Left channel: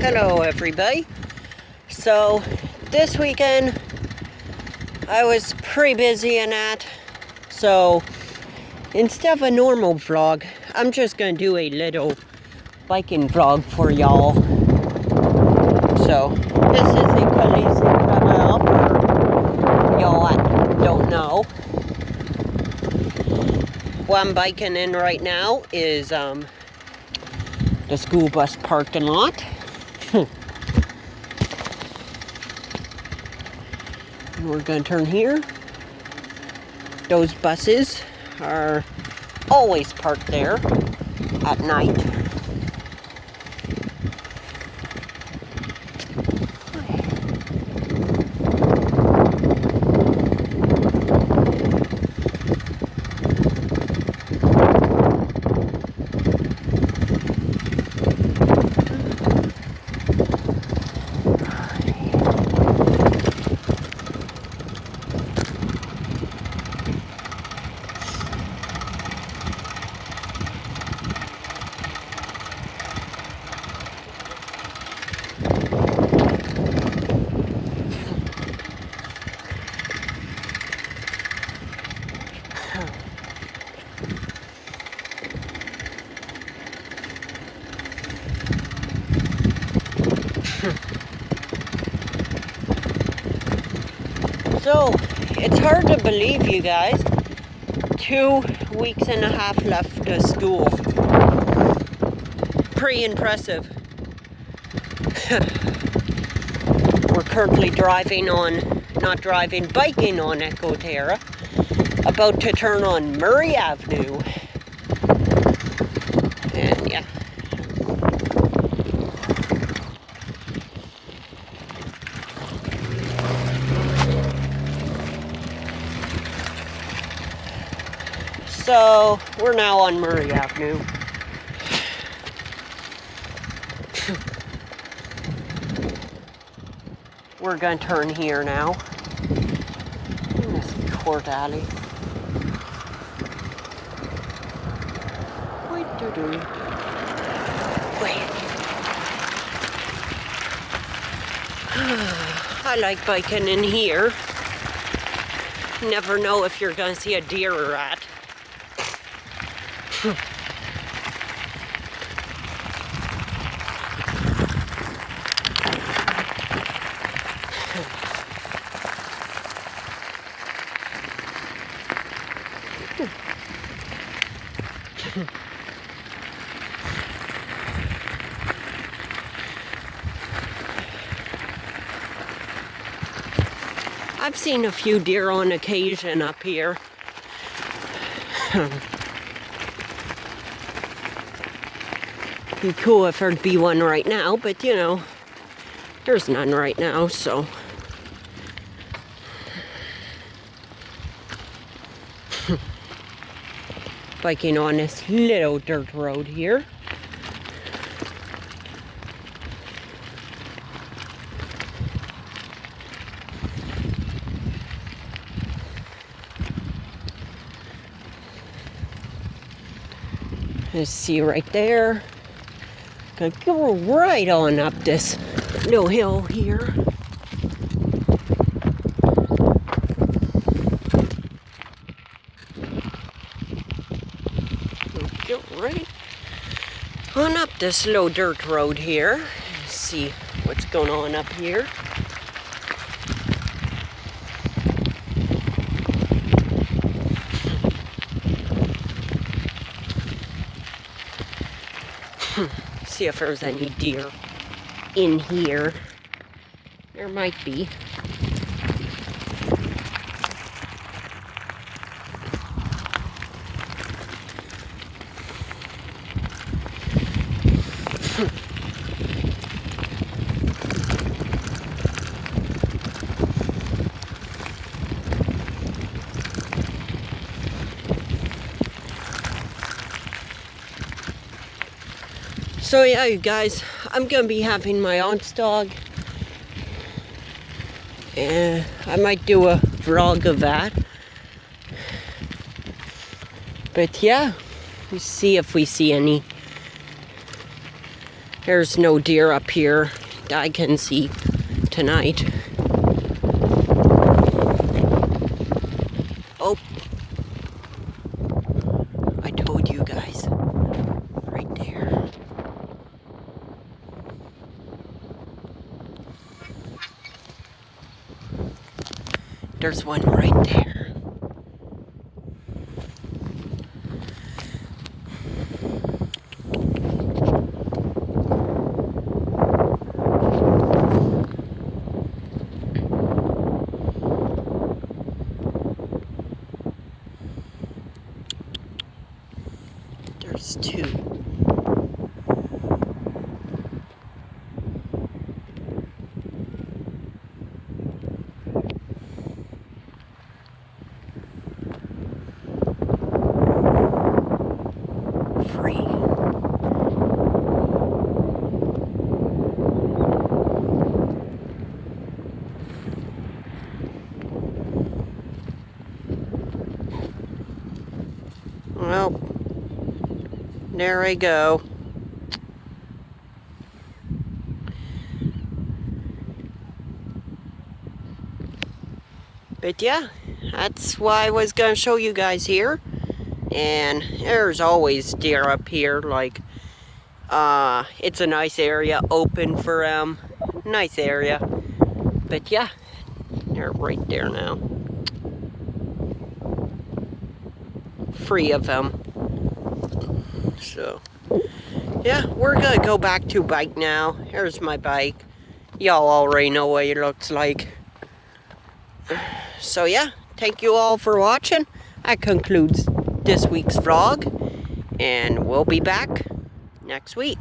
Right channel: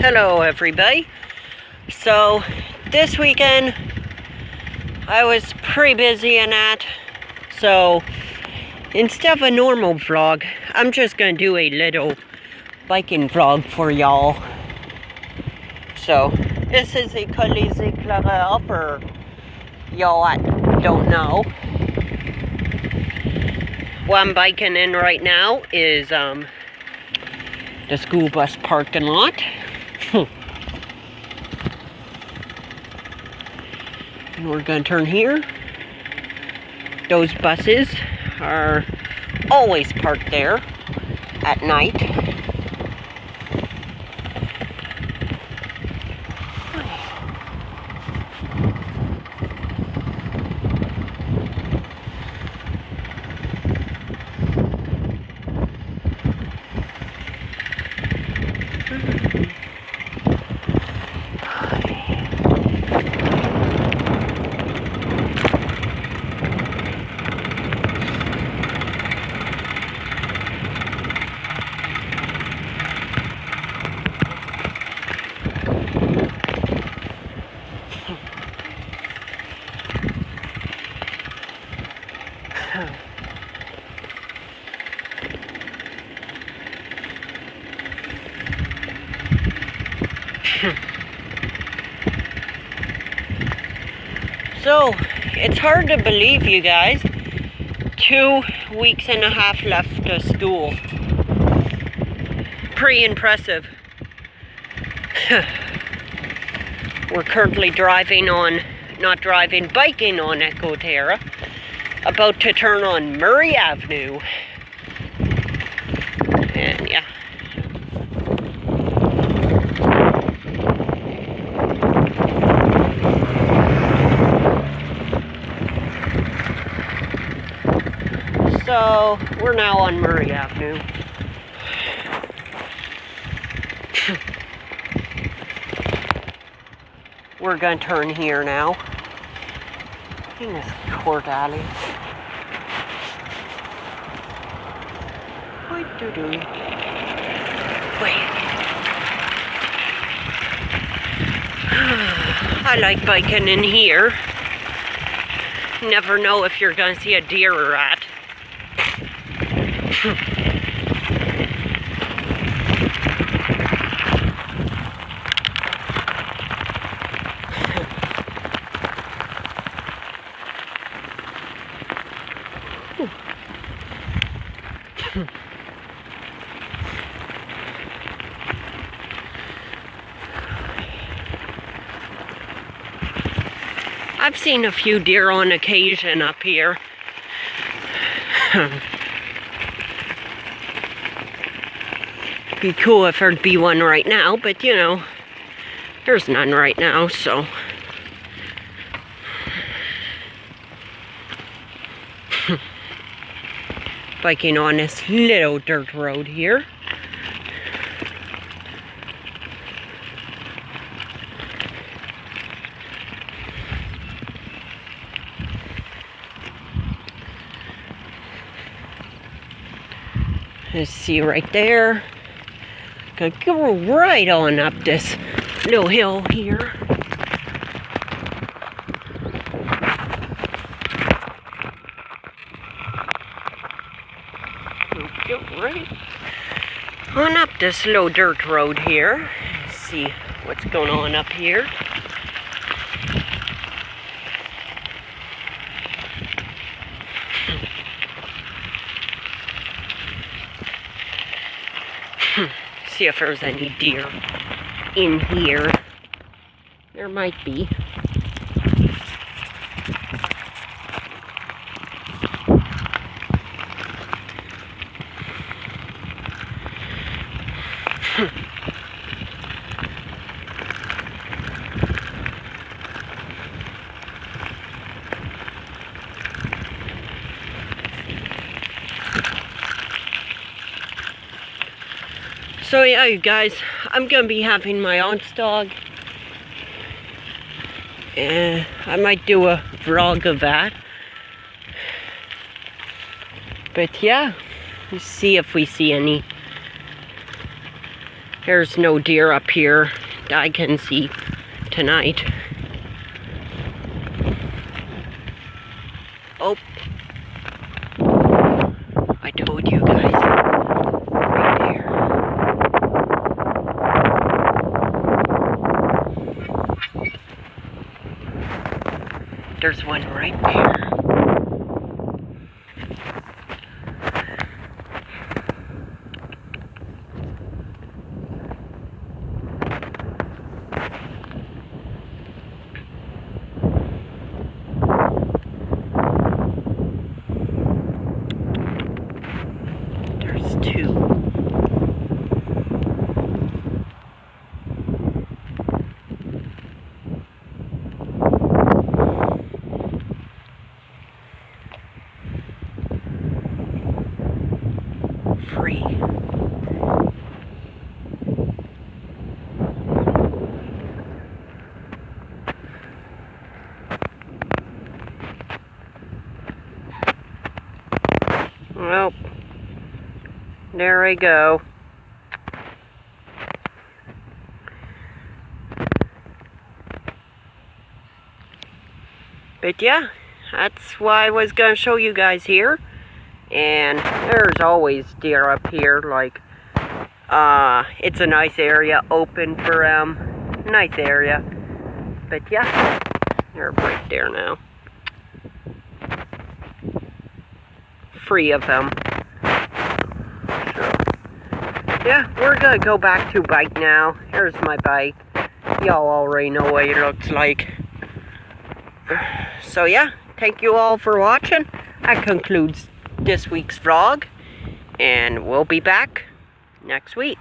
Hello everybody. So this weekend I was pretty busy and that, so instead of a normal vlog, I'm just gonna do a little biking vlog for y'all. So this is a Collision Club for y'all that don't know. What I'm biking in right now is the school bus parking lot. And we're going to turn here. Those buses are always parked there at night. So, it's hard to believe, you guys. 2 weeks and a half left of school. Pretty impressive. We're currently biking on Echo Terra. About to turn on Murray Avenue. And yeah. So, we're now on Murray Avenue. We're going to turn here now. In this court alley. Wait. I like biking in here. Never know if you're going to see a deer or rat. I've seen a few deer on occasion up here. Be cool if there'd be one right now, but you know, there's none right now, so. Biking on this little dirt road here. Let's see right there. Gonna go right on up this little hill here. We'll get right on up this little dirt road here. Let's see what's going on up here. See if there's any deer in here. There might be. So yeah, you guys, I'm gonna be having my aunt's dog. And I might do a vlog of that. But yeah, let's see if we see any There's no deer up here that I can see tonight. Oh, I told you guys, right there. There's one right there. There's two. Free. Well, there I go. But yeah, that's why I was going to show you guys here. And there's always deer up here. Like, it's a nice area, open for nice area. But yeah, they're right there now. Free of them. So, yeah, we're gonna go back to bike now. Here's my bike. Y'all already know what it looks like. So yeah, thank you all for watching. That concludes this week's vlog. And we'll be back next week.